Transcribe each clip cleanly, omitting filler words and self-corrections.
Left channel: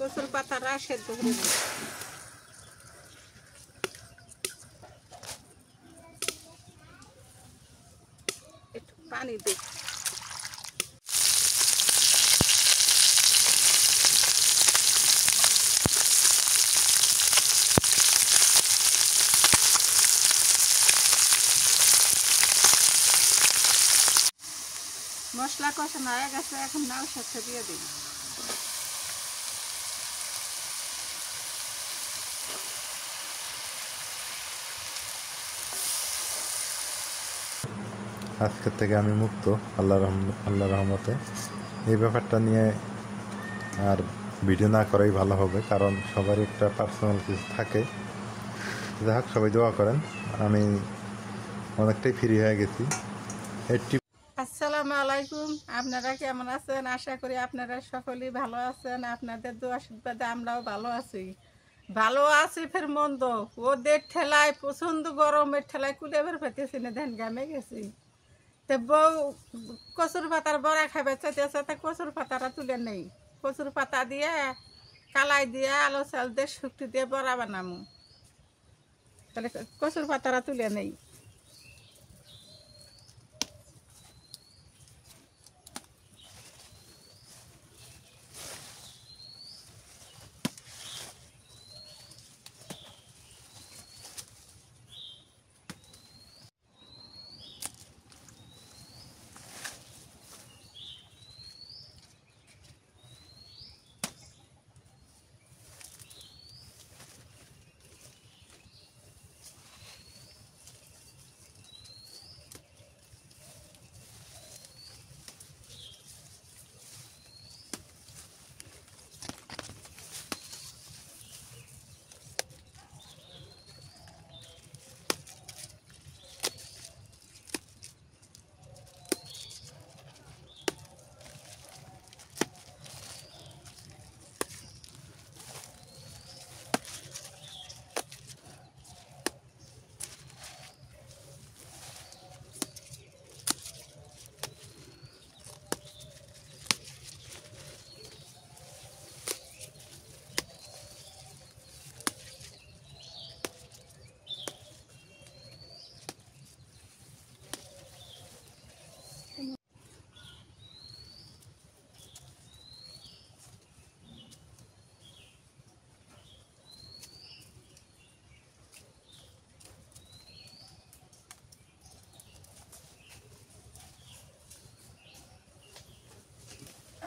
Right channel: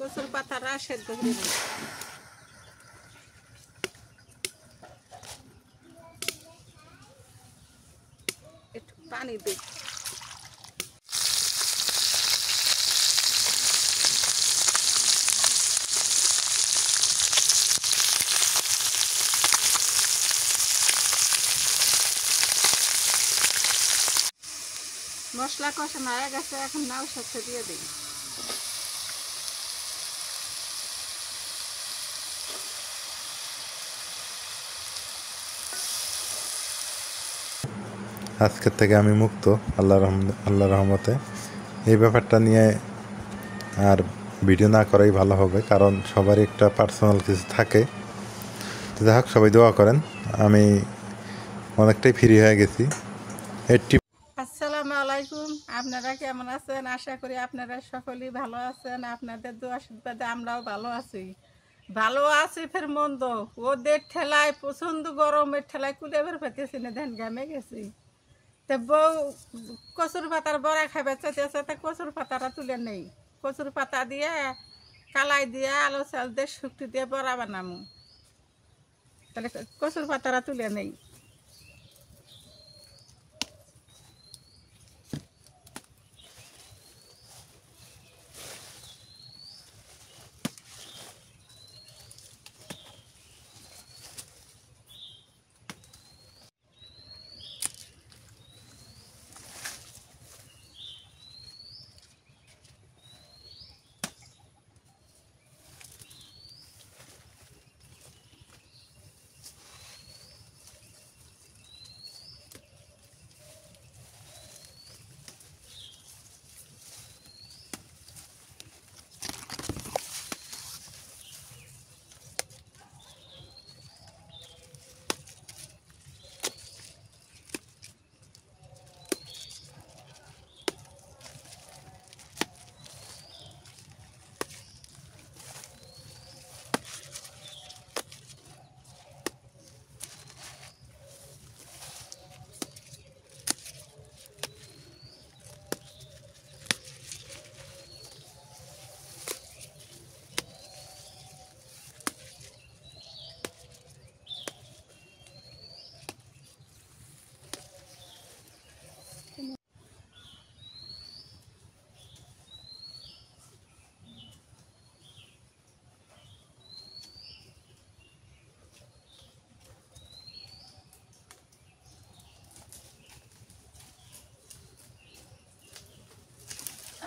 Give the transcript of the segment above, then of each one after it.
কচুর পাতাটা সেদ্ধ করে দিই। একটু পানি দিই। মশলা কষানো হয়ে গেছে, এখন লাউ শাকটা দিয়ে দিই। আজকের থেকে আমি মুক্ত আল্লাহ রহমতে। এই ব্যাপারটা নিয়ে আর ভিডিও না করাই ভালো হবে, কারণ সবারই একটা পার্সোনাল কিছু থাকে। যাই হোক, সবাই দোয়া করেন। আমি অনেকটাই ফ্রি হয়ে গেছি। আসসালামু আলাইকুম, আপনারা কেমন আছেন? আশা করি আপনারা সকলেই ভালো আছেন। আপনাদের দোয়া আশীর্বাদে আমরাও ভালো আছি। ফের মন্দ ওদের ঠেলায় প্রচণ্ড গরমের ঠেলায় কুলেবের পেতেছি না, ধান ঘামে গেছি। তো বউ কচুর পাতার বড়া খাবে চাইতেছে, তা কচুর পাতাটা তুলে নেই। কচুর পাতা দিয়ে কালাই দিয়ে আলু চাল দিয়ে শুক্তি দিয়ে বড়া বানামু। তাহলে কচুর পাতাটা তুলে নেই।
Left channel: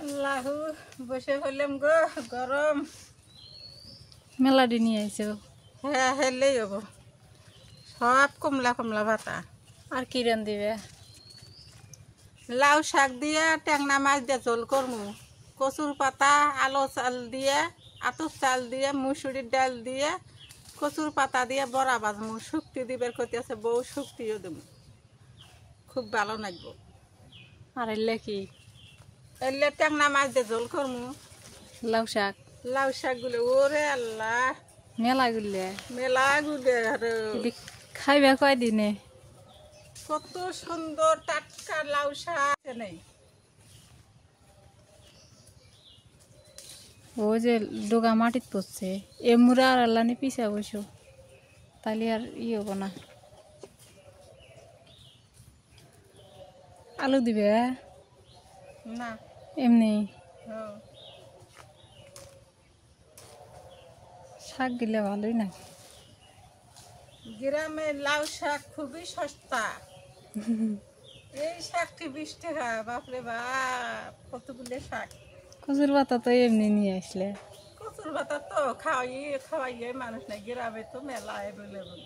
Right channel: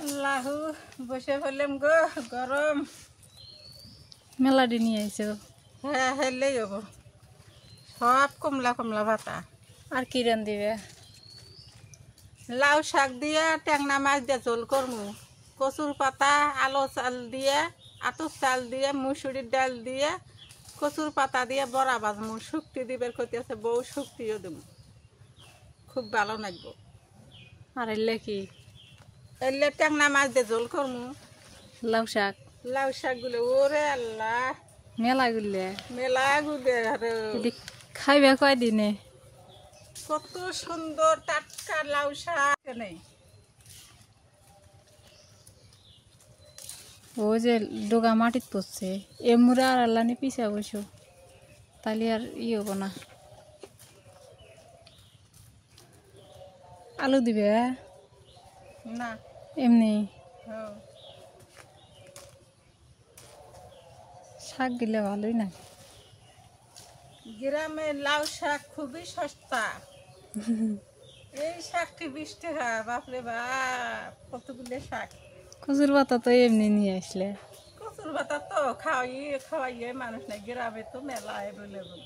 আল্লাহ, বসে বললাম গো, গরম মেলাডি নিয়ে আইছো। হ্যাঁ, হেলেই হবো। সব কমলা কমলা পাতা। আর কি রান দিবে? লাউ শাক দিয়ে ট্যাংনা মাছ দিয়ে ঝোল করমু। কচুর পাতা আলো চাল দিয়ে, আতর চাল দিয়ে, মুসুরির ডাল দিয়ে, কচুর পাতা দিয়ে বড়া বাজমু। শুক্তি দিবের করতেছে বউ, শুক্তিও দেবো, খুব ভালো লাগবো। আর এলে কি? এলে ট্যাংনা মাছ দিয়ে ঝোল করমু। লাউ শাক, লাউ শাকগুলো ওরে আল্লাহ, মেলা গুলে মেলা গুলে খাইবে কয়দিনে? কত সুন্দর টাটকা লাউ শাক নেই। ও যে ডোগা মাটিত পড়ছে, এমুরা আর আল্লানি পিছা বসো, তাহলে আর হব না। আলু দিবে না, এমনি হ্যাঁ, শাক গিলে ভালোই না। গ্রামে লাউ শাক খুবই সস্তা। এই শাকটি 20 টাকা। বাপরে বাপ, কতগুলো শাক। কচুর পাতা তো এমনি নিয়ে আসলে। কচুর পাতা তো খাওয়াইয়ে মানুষ নাই, গ্রামে তো মেলা অ্যাভেলেবল।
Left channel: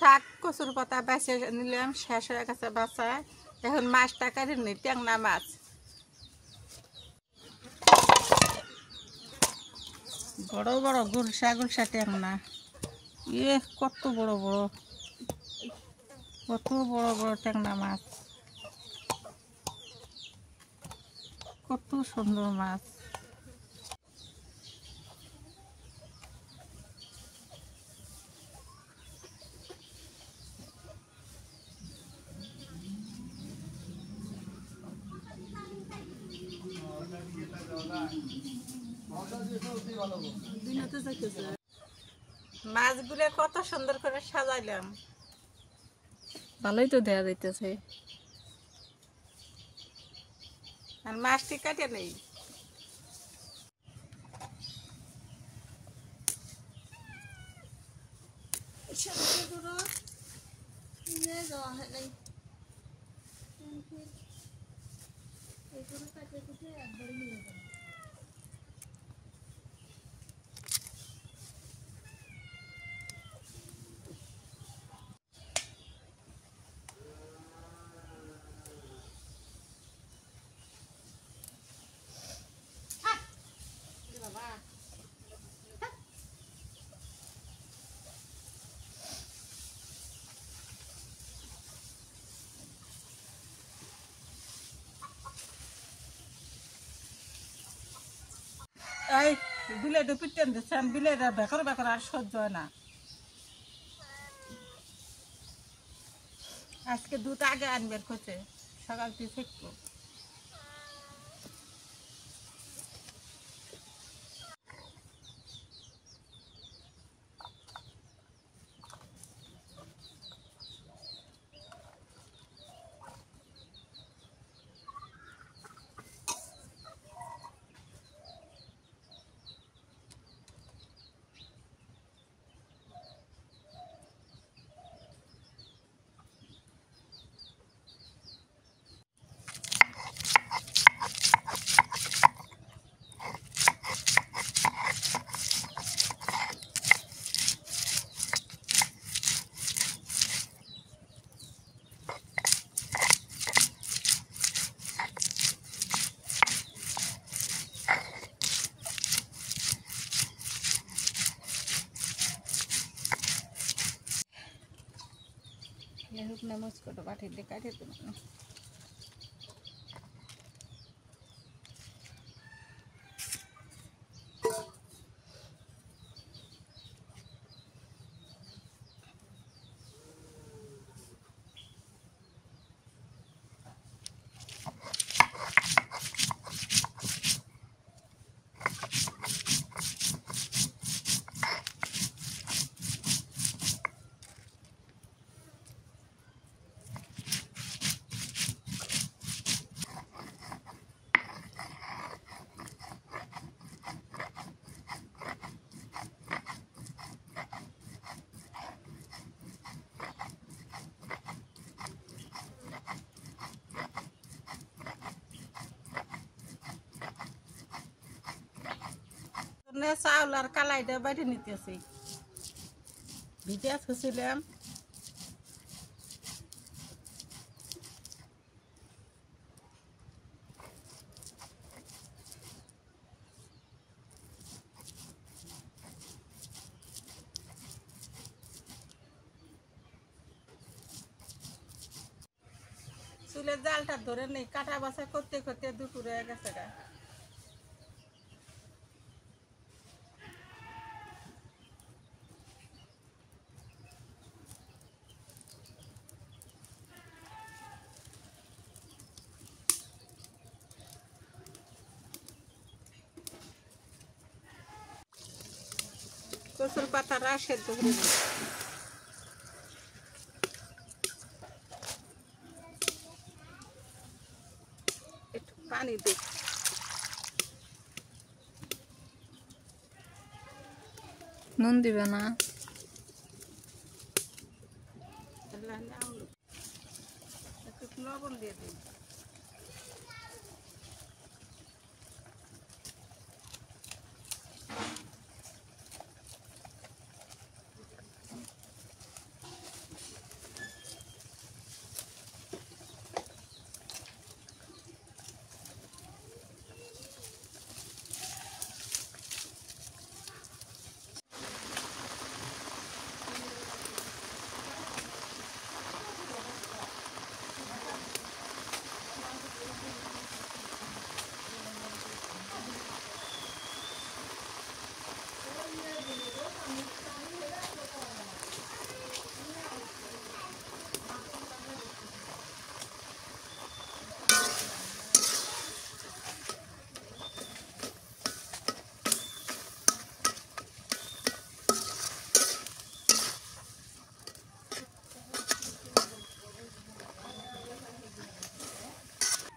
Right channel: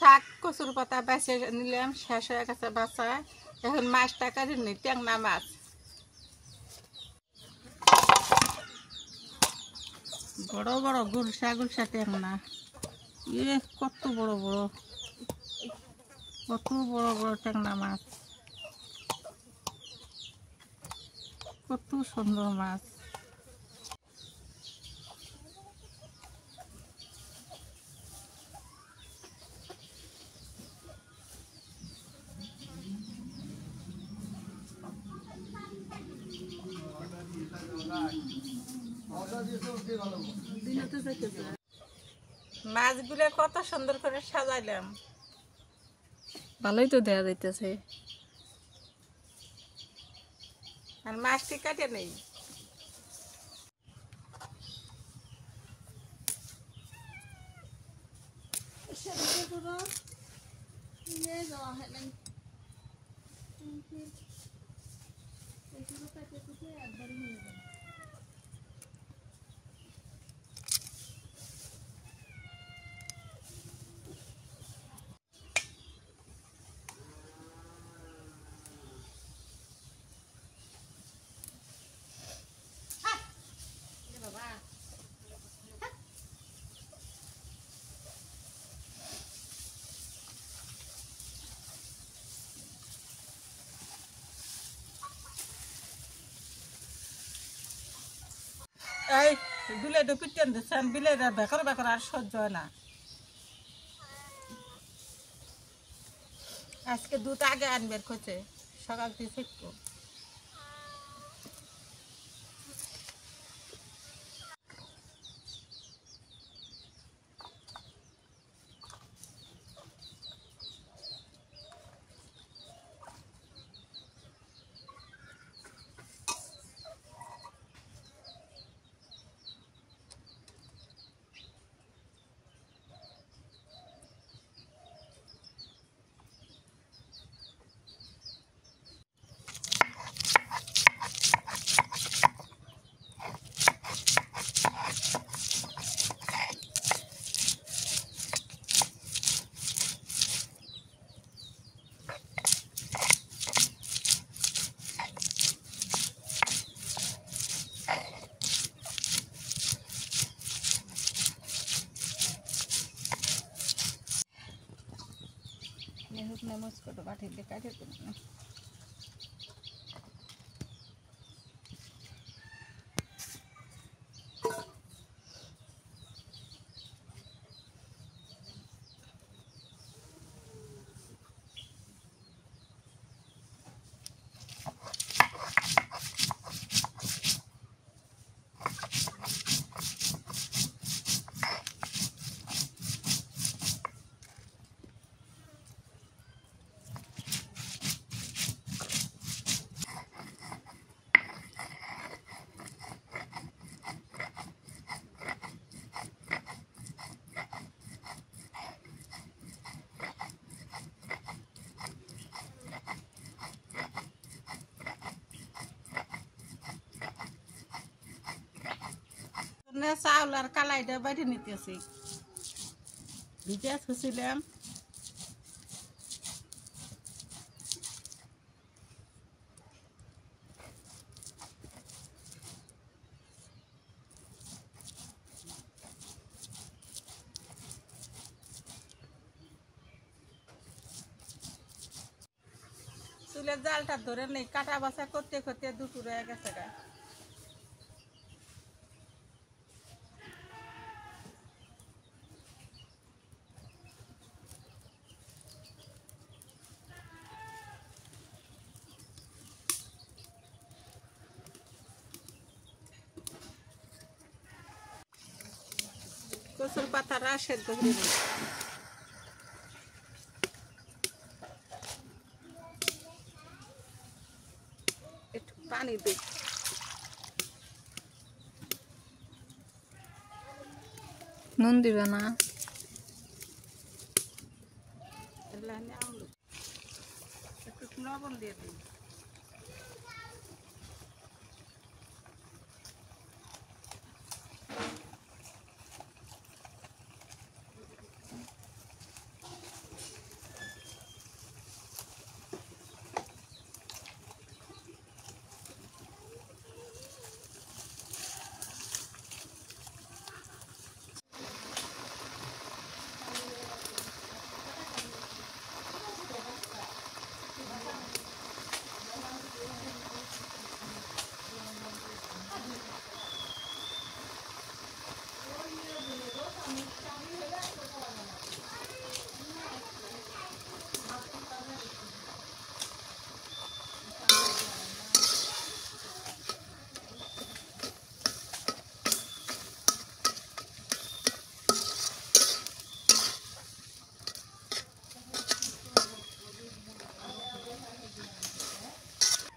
শাক কচুর পাতা বেছে নিলাম, শেষ হয়ে গেছে বাছা। এখন মাছটা কাটি নি, ট্যাংরা মাছ। বড় বড় গুলশা গুলশা ট্যাংরা, কত বড় বড়, কত বড় বড় ট্যাংরা মাছ, কত সুন্দর মাছ। মাছগুলো কত সুন্দর করে সাজাইলাম, ভালোই তো দেখা যাইতেছে। আর মাছটি কাটে নেই। এই বিলেটা পিটেন দিচ্ছেন, বিলেটা বেকার বেকার আর সহ্য হয় না। আজকে দুধ আগে আনবের খোঁজে, সকাল থেকে শিখবো। হুক না মস্কোটা পাঠিয়ে দিয়ে কাটিয়ে দেবো। চাউল আর কালাইটা বাইরে নিতেছি, ভিজে থুছিলাম। চুলের জালটা ধরে নেই, কাটা বাছা করতে করতে দুপুর হয়ে গেছে গা। কচুর পাতাটা সেদ্ধ করে দিই। একটু পানি দিই। নুন দিবে না? একটু লবণ দিয়ে দিই।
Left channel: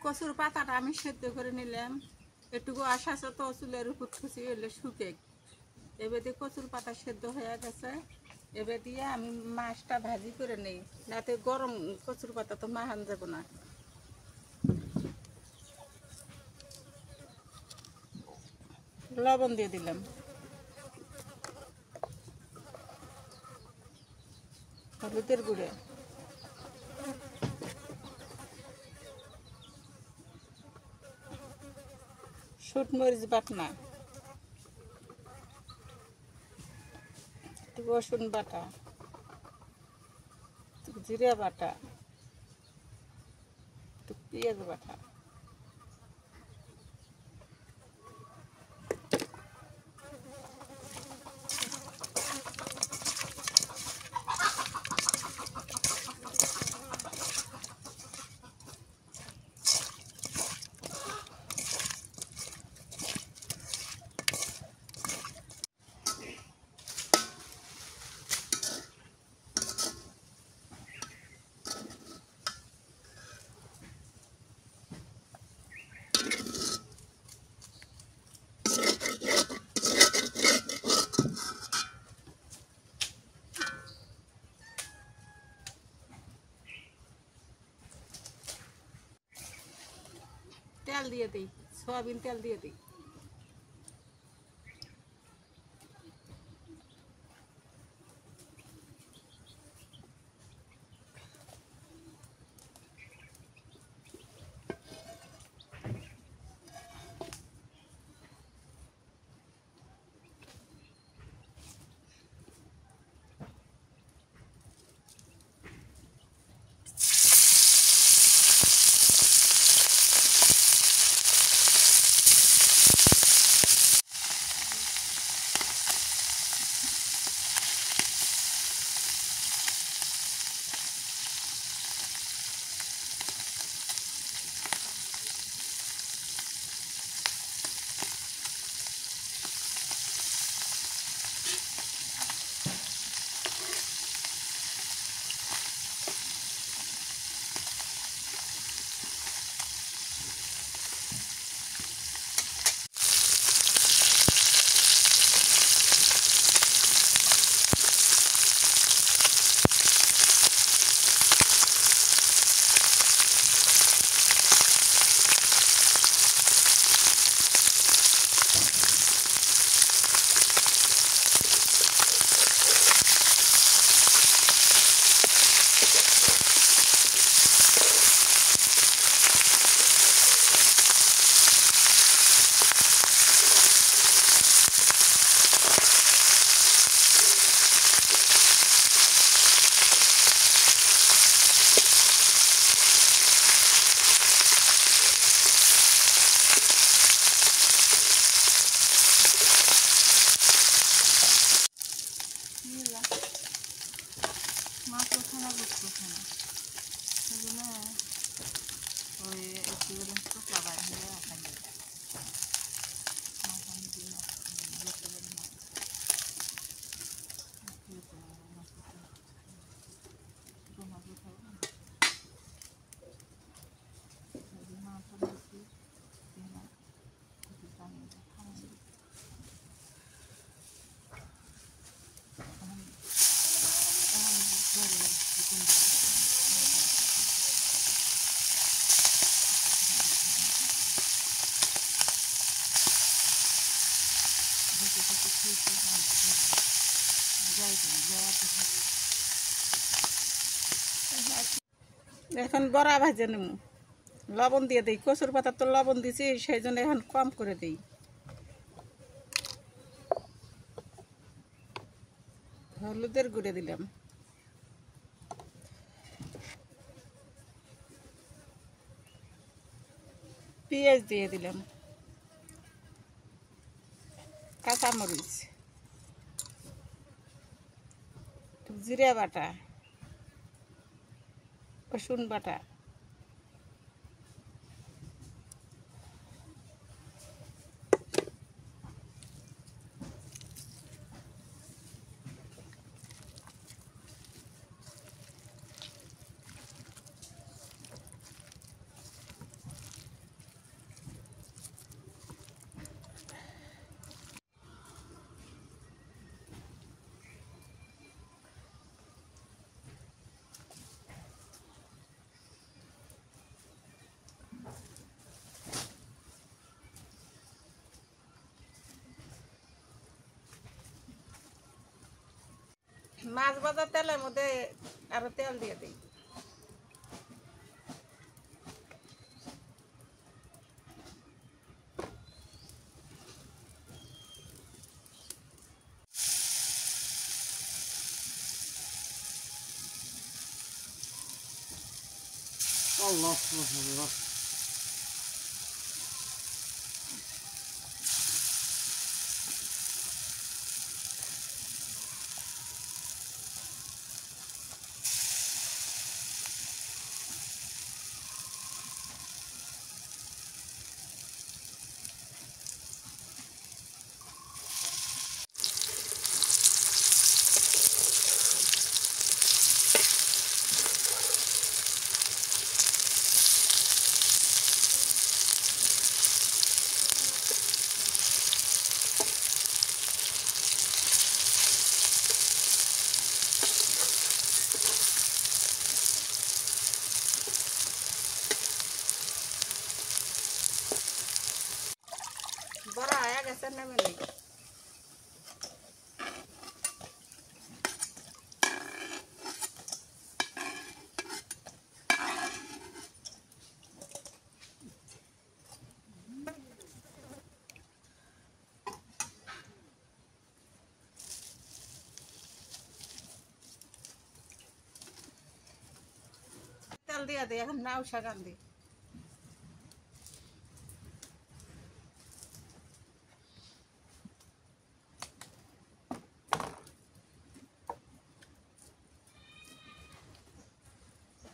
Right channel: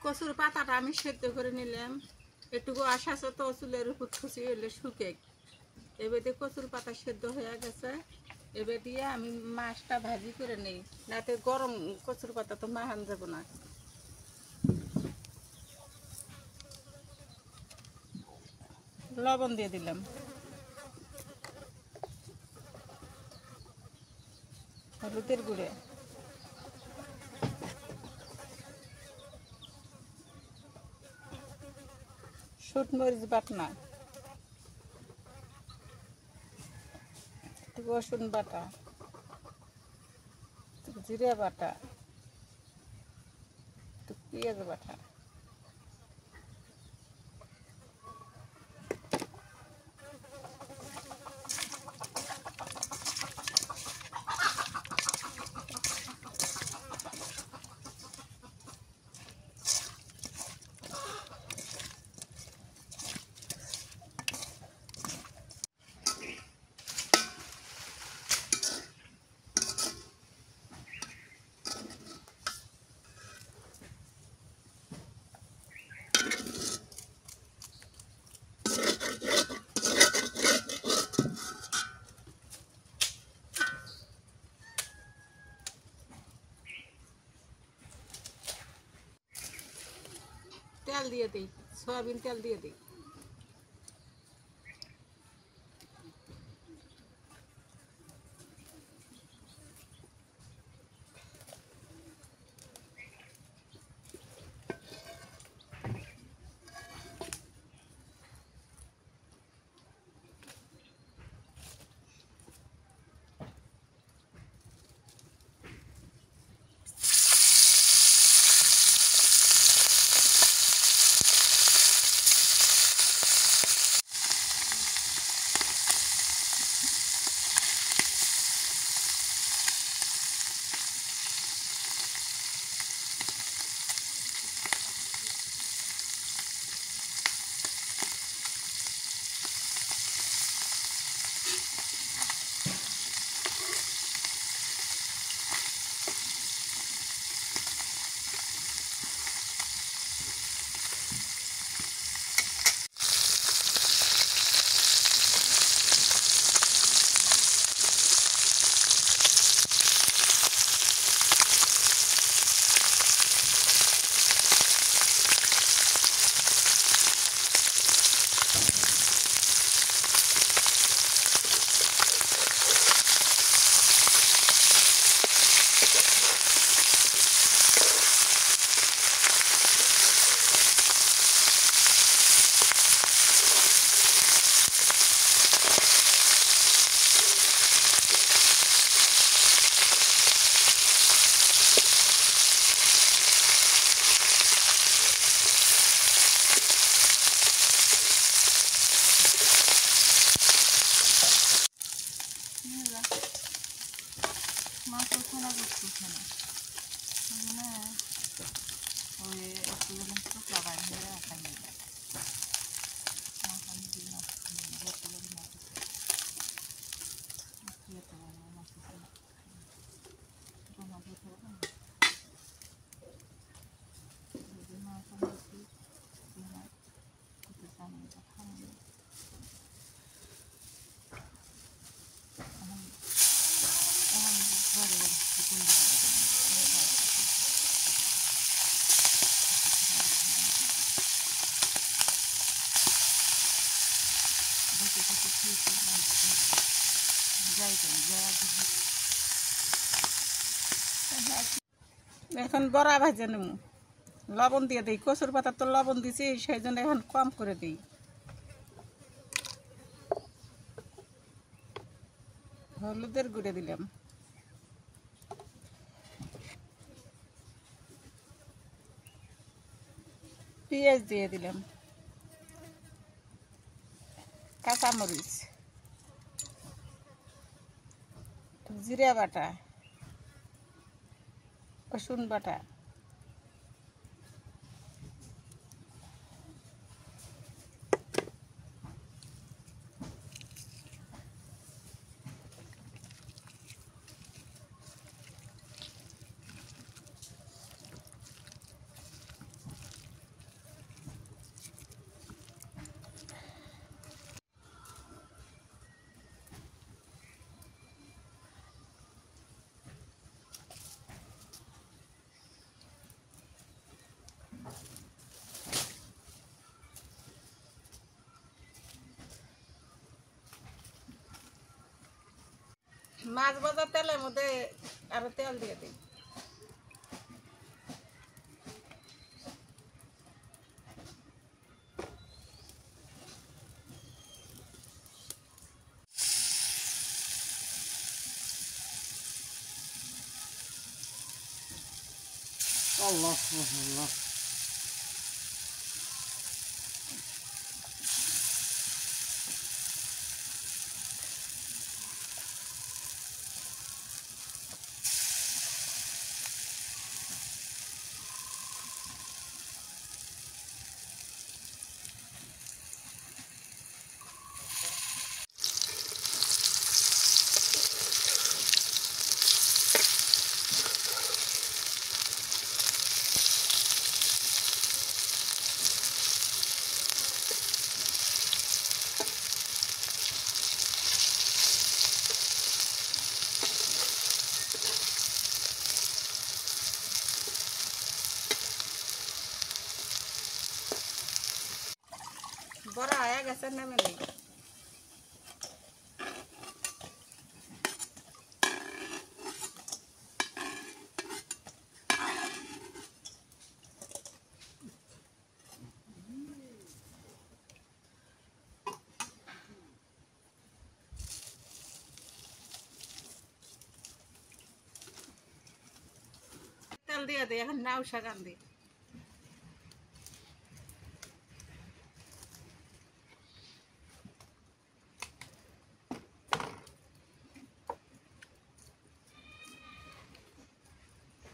কচুর পাতাটা আমি সেদ্ধ করে নিলাম, একটুকু আশা তো চুলের উপর থুচি এলে শুকে। এবার দিয়ে কচুর পাতা সেদ্ধ হয়ে গেছে, এবার দিয়ে আমি মাছটা ভাজি করে নিই, নাতে গরম কচুর পাতা তো মাহান যাব না। লবণ দিয়ে দিলাম, হলুদের গুঁড়ে, শুট মরিচ বাটনা, একটু রসুন বাটা, একটু জিরা বাটা, একটু পেঁয়াজ বাটা, তেল দিয়ে দিই, সয়াবিন তেল দিয়ে দিই। মাছের খানা দিচ্ছি এখানে, সেই জন্য ওই একটু যখন শুকলা বার হয়ে ওখানে মাখানি দিয়ে মাছ ভর্তি করে মাছ জমা দিয়ে থাকবে না, এই জন্য ওখানে একটু একটু পানি খাওয়ানো। এখন বড়া ভাজে নেব, লবণ দিয়ে দিই, কচুর পাতা তো লবণ দিছি, সেই জন্য এখন কম করে দিই। হলুদের গুঁড়ে দিলাম, পেঁয়াজ দিয়ে দিলাম, কাঁচামরিচ, জিরা বাটা, রসুন বাটা, মাছ ভাজা তেলের মধ্যে আরো তেল দিয়ে দিই। বড়া হয়ে গেছে, নেমে নেই। তেল দিয়ে দিই, এখন নাও শাক আন দিই।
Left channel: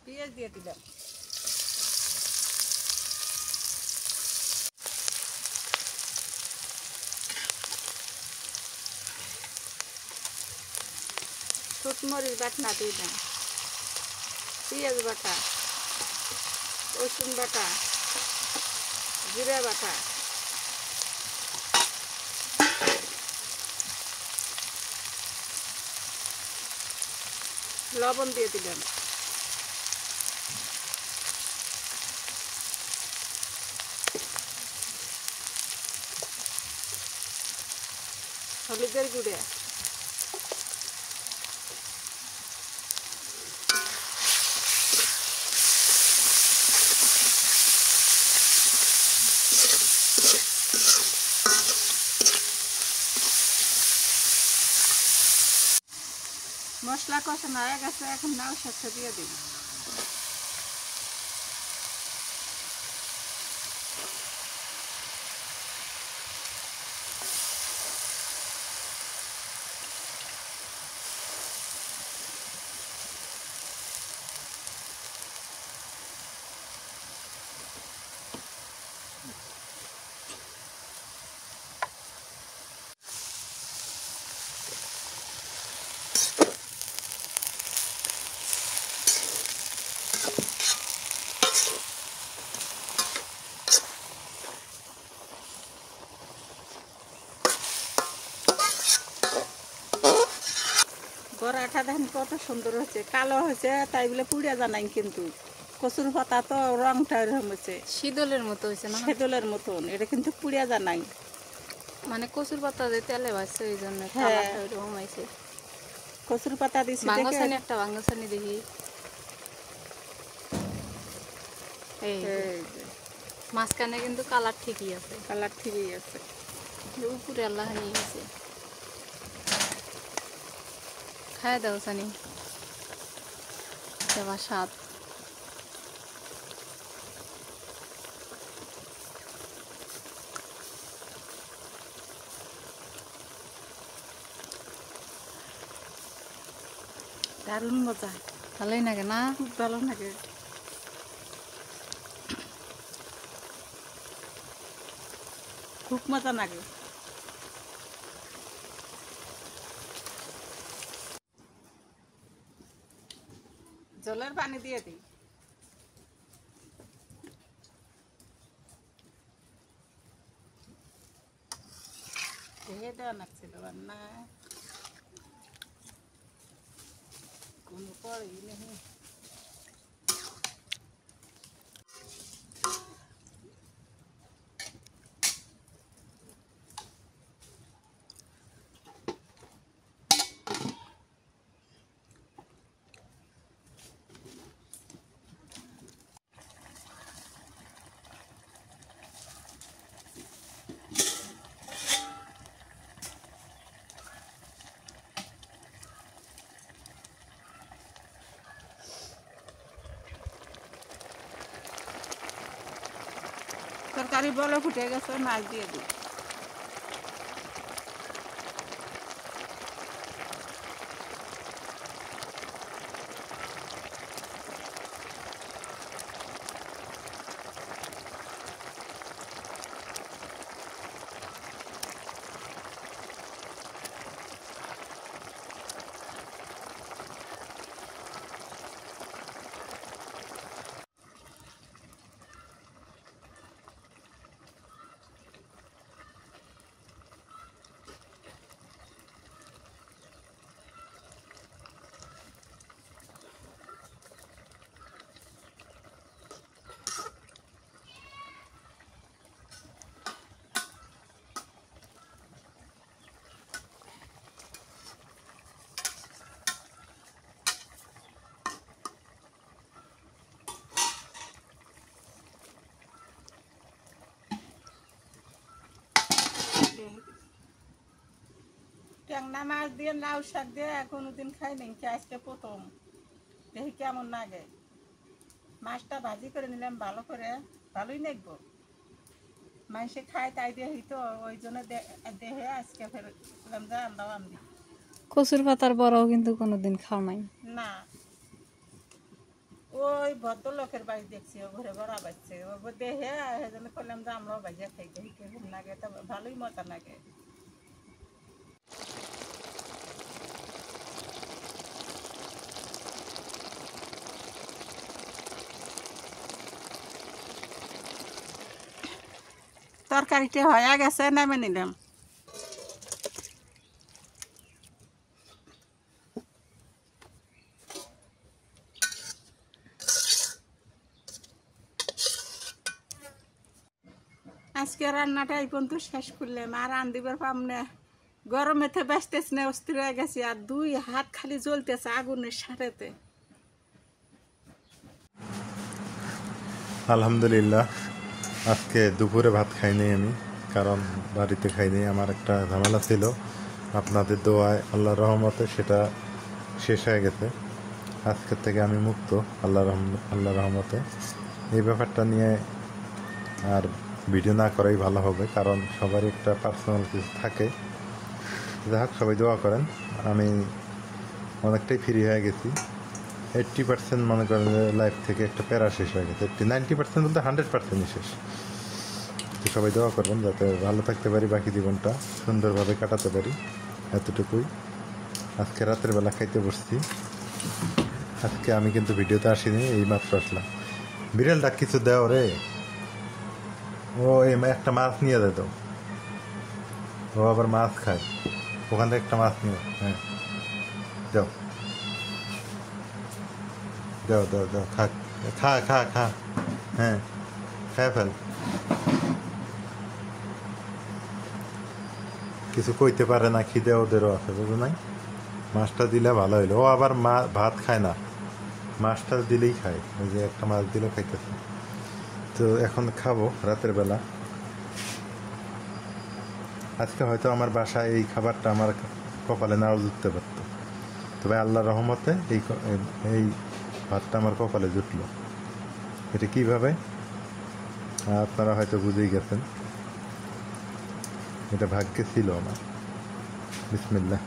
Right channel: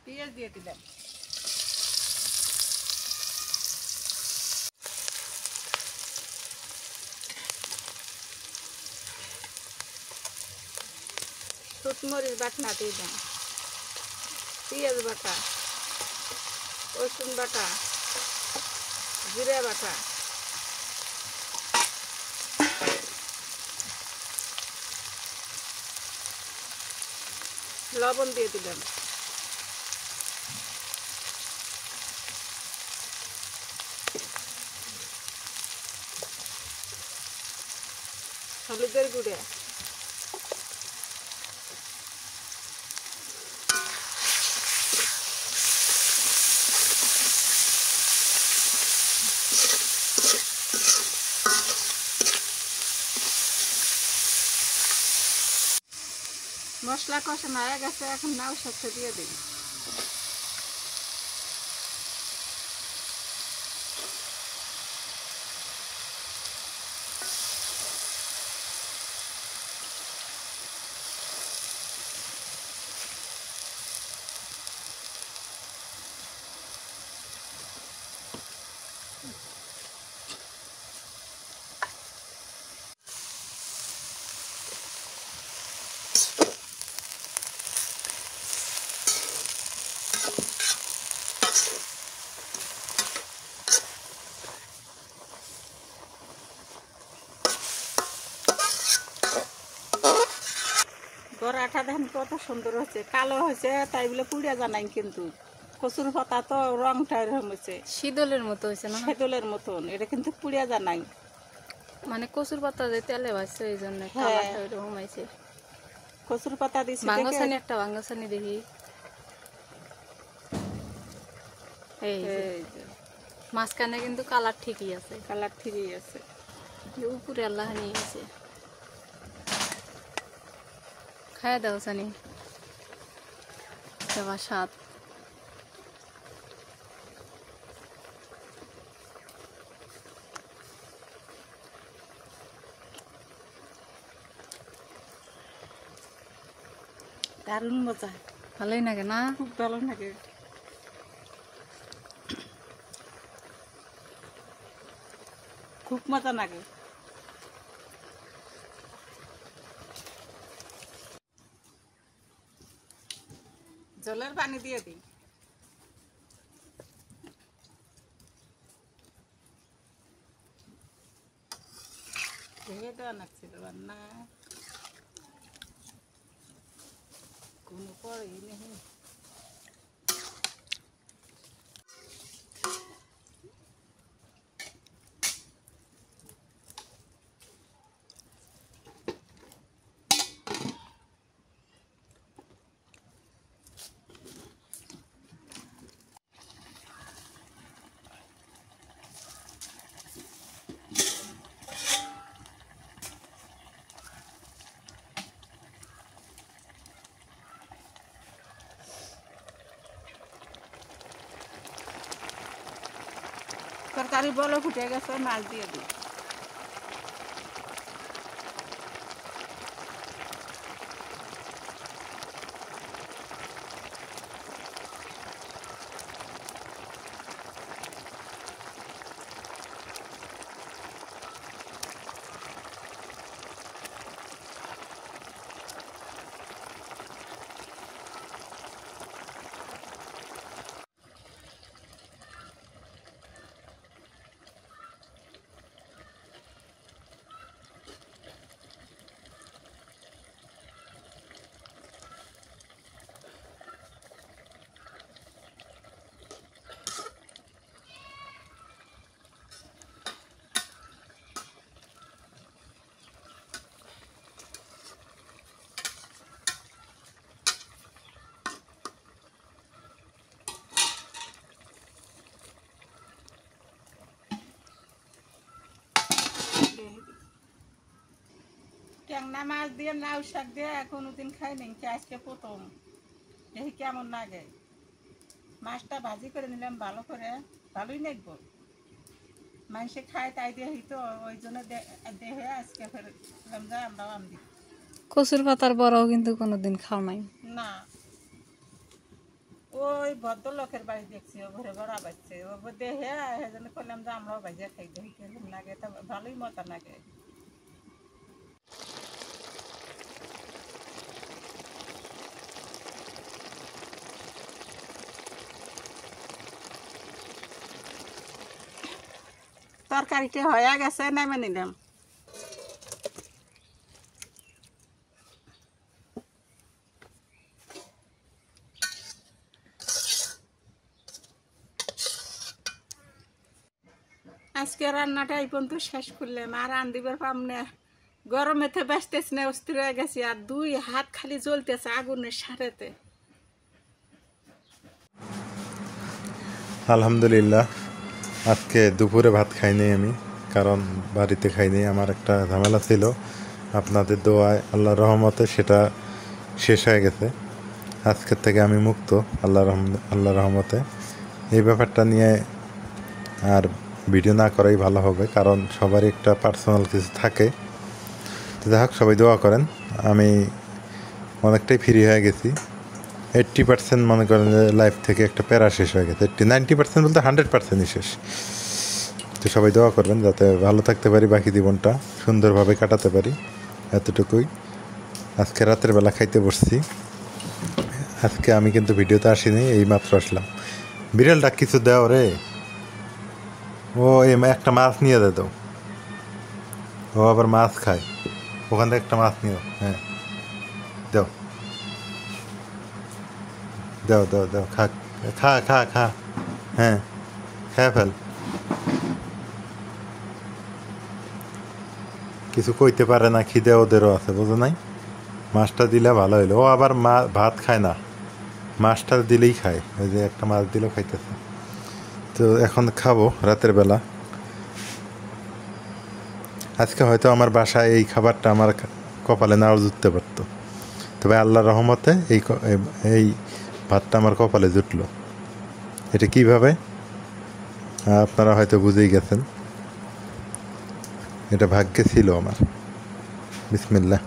পেঁয়াজ দিয়ে দিলাম। শুকমরিচ বাটনা দিলাম, পেঁয়াজ বাটা, রসুন বাটা, জিরা বাটা, লবণ দিয়ে দিলাম। হলুদের গুঁড়া, মশলা কষানো হয়ে গেছে, এখন নাও শাকটা দিয়ে দিই। বড়াটা দেখেন কত সুন্দর হচ্ছে, কালো হয়েছে তাই বলে পুড়িয়া জানাই, কিন্তু কচুর পাতা তো রংটা এরকম হয়েছে, শীতলের মতো হয়েছে না, সেদলের মতন, এটা কিন্তু পুড়িয়া জানাই। মানে কচুর পাতা যে তেলে ভাজছে এই জন্য হ্যাঁ। কালারটা ওইরকম হয়েছে। কচুর পাতা দিছি বাঙ্গসানি একটা বাঙ্গসানি দেখি, এই যে। এই যে মাঝখানে কিন্তু কালার ঠিকই আছে, কালার ঠিকই আছে। উপরে আল্লাহ নিয়ে হয়েছে। খায় দাও সানি, দেওয়া স্বাদ। দারুণ মজা, ভালোই লাগে না? খুব ভালো লাগে। খুব মজা লাগে। জলের পানি দিয়ে দিই। ঢেকে দেওয়া লাগছিল রান্না, কোনো পরেই নেই। তরকারি বলো ফুটে গেছে, মাছ দিয়ে দিই। ট্যাংরা মাছ দিয়ে লাউ শাক দিয়ে কোনোদিন খাই নাই, আজকে প্রথম। দেখি কেমন লাগে। মাছটা ভাজি করে নিলাম ভালো করে, ভালোই লাগবো। মানুষে খায় তাই দেখি তো, ওই জন্য দেখে আজকে ফেরলাম যে আমরাও আমদি। কচুর পাতার বড়াও কিন্তু কোনোদিন খাও নাই। না, ওই ভদ্রলোকের বাড়ি দেখছি, ও ঘরে বড়া বাজছে, ও দেখে সেজন্য করলাম যে আমরাও বাজিয়া খাই, দেখি কেমন লাগে। তা ভালোই মজা লাগে। তরকারিটা হয়ে গেছে, নামে নিলাম। আজকে রান্নাটা এই পর্যন্ত শেষ করলাম, আর রান্দিবার পাম না। গরমেতে বাঁচতেছি না, অস্থির হয়ে গেছি, আর 2 হাত খালি জ্বলতেছে আগুনের সাথেতে। আলহামদুলিল্লাহ, আজকে দুপুরে ভাত খাইনি আমি, কারণ বাড়িতে খাইনি। আমার একটা ঝামেলা ছিল, আপনাদের দোয়ায় আল্লাহর রহমতে সেটা শেষ হয়ে গেছে। আজকের থেকে আমি মুক্ত আল্লাহর রহমতে। এই ব্যাপারটা নিয়ে আর ভিডিও না করাই ভালো হবে, কারণ সবারই একটা পার্সোনাল কিছু থাকে। যাই হোক, সবাই দোয়া করেন। আমি অনেকটাই ফ্রি হয়ে গেছি। 80% মনে করেন যে লাইফ থেকে একটা প্যারা শেষ হয়ে গেছে। 90% বলতে 100%ই শেষ। তো সবাই দোয়া করবেন যাতে ভালো থাকতে পারি, বাকি জীবনটা সুন্দরভাবে কাটাতে পারি, এতটুকুই। আজকে রাতের বেলা খাইতে বসছি। আজকে আমি কিন্তু ভিডিওতে আসিনি, এই মাত্র আসলাম। বিড়ালটা কিছু দেও রে, ও একটা মাছ নিয়ে দে দাও। ও আবার মাছ খায়, ওখান থেকে একটা মাছ নিও। হ্যাঁ, দাও দাও দাও দাও, খা খা খা খা। হ্যাঁ, খেয়ে ফেল। কিছু কইতে পারে না, খিদে ওদেরও আছে, বুঝো নাই? মাছটা দিলে ভালো হইলো। ও আবার ভাত খায় না, মাছটা দিলেই খায়। ওই যে একটা মাছ দিলেও খাইতেছে। তো এখন খাবো রাতের বেলা। আজকে হয়তো আমার বাসায় এই খাবারটা আমার কপালে নাও জুটতে পারতো, তবে আল্লাহর রহমতে এই ভাতটা আমার কপালে জুটলো। এটা কিভাবে আপনারা হয়তো বুঝেই গেছেন। এটা ভাগ্যে ছিল আমার। বিসমিল্লাহ।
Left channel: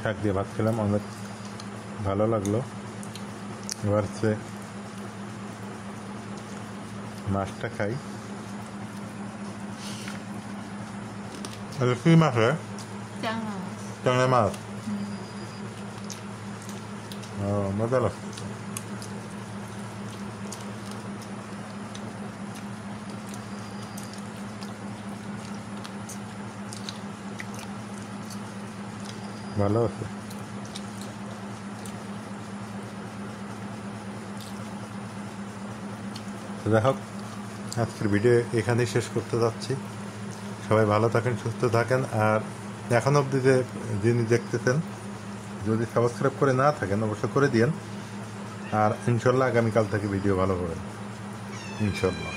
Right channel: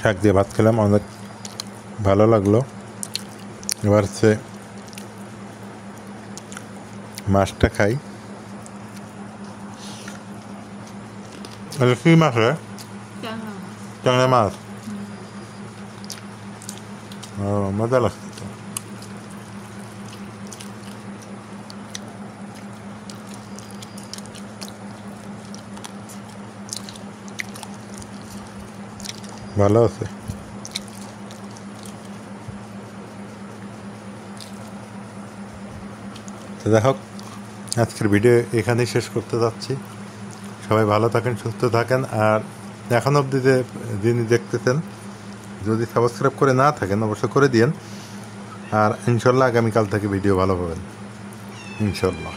শাক দিয়ে ভাত খেলাম, অনেক ভালো লাগলো। এবার হচ্ছে মাছটা খাই। কি মাছ রে? ট্যাংরা মাছ। ও, মজা লাগছে। ভালো আছে। তো যাই হোক, আজকের ভিডিও এখানেই শেষ করতে যাচ্ছি। সবাই ভালো থাকেন, সুস্থ থাকেন। আর এখন অবধি যিনি দেখতেছেন, যদি সাবস্ক্রাইব করে না থাকেন অবশ্যই করে দিন। আর ইনশাল্লাহ আগামীকাল থেকে ভিডিও ভালো পাবেন, ইনশাল্লাহ।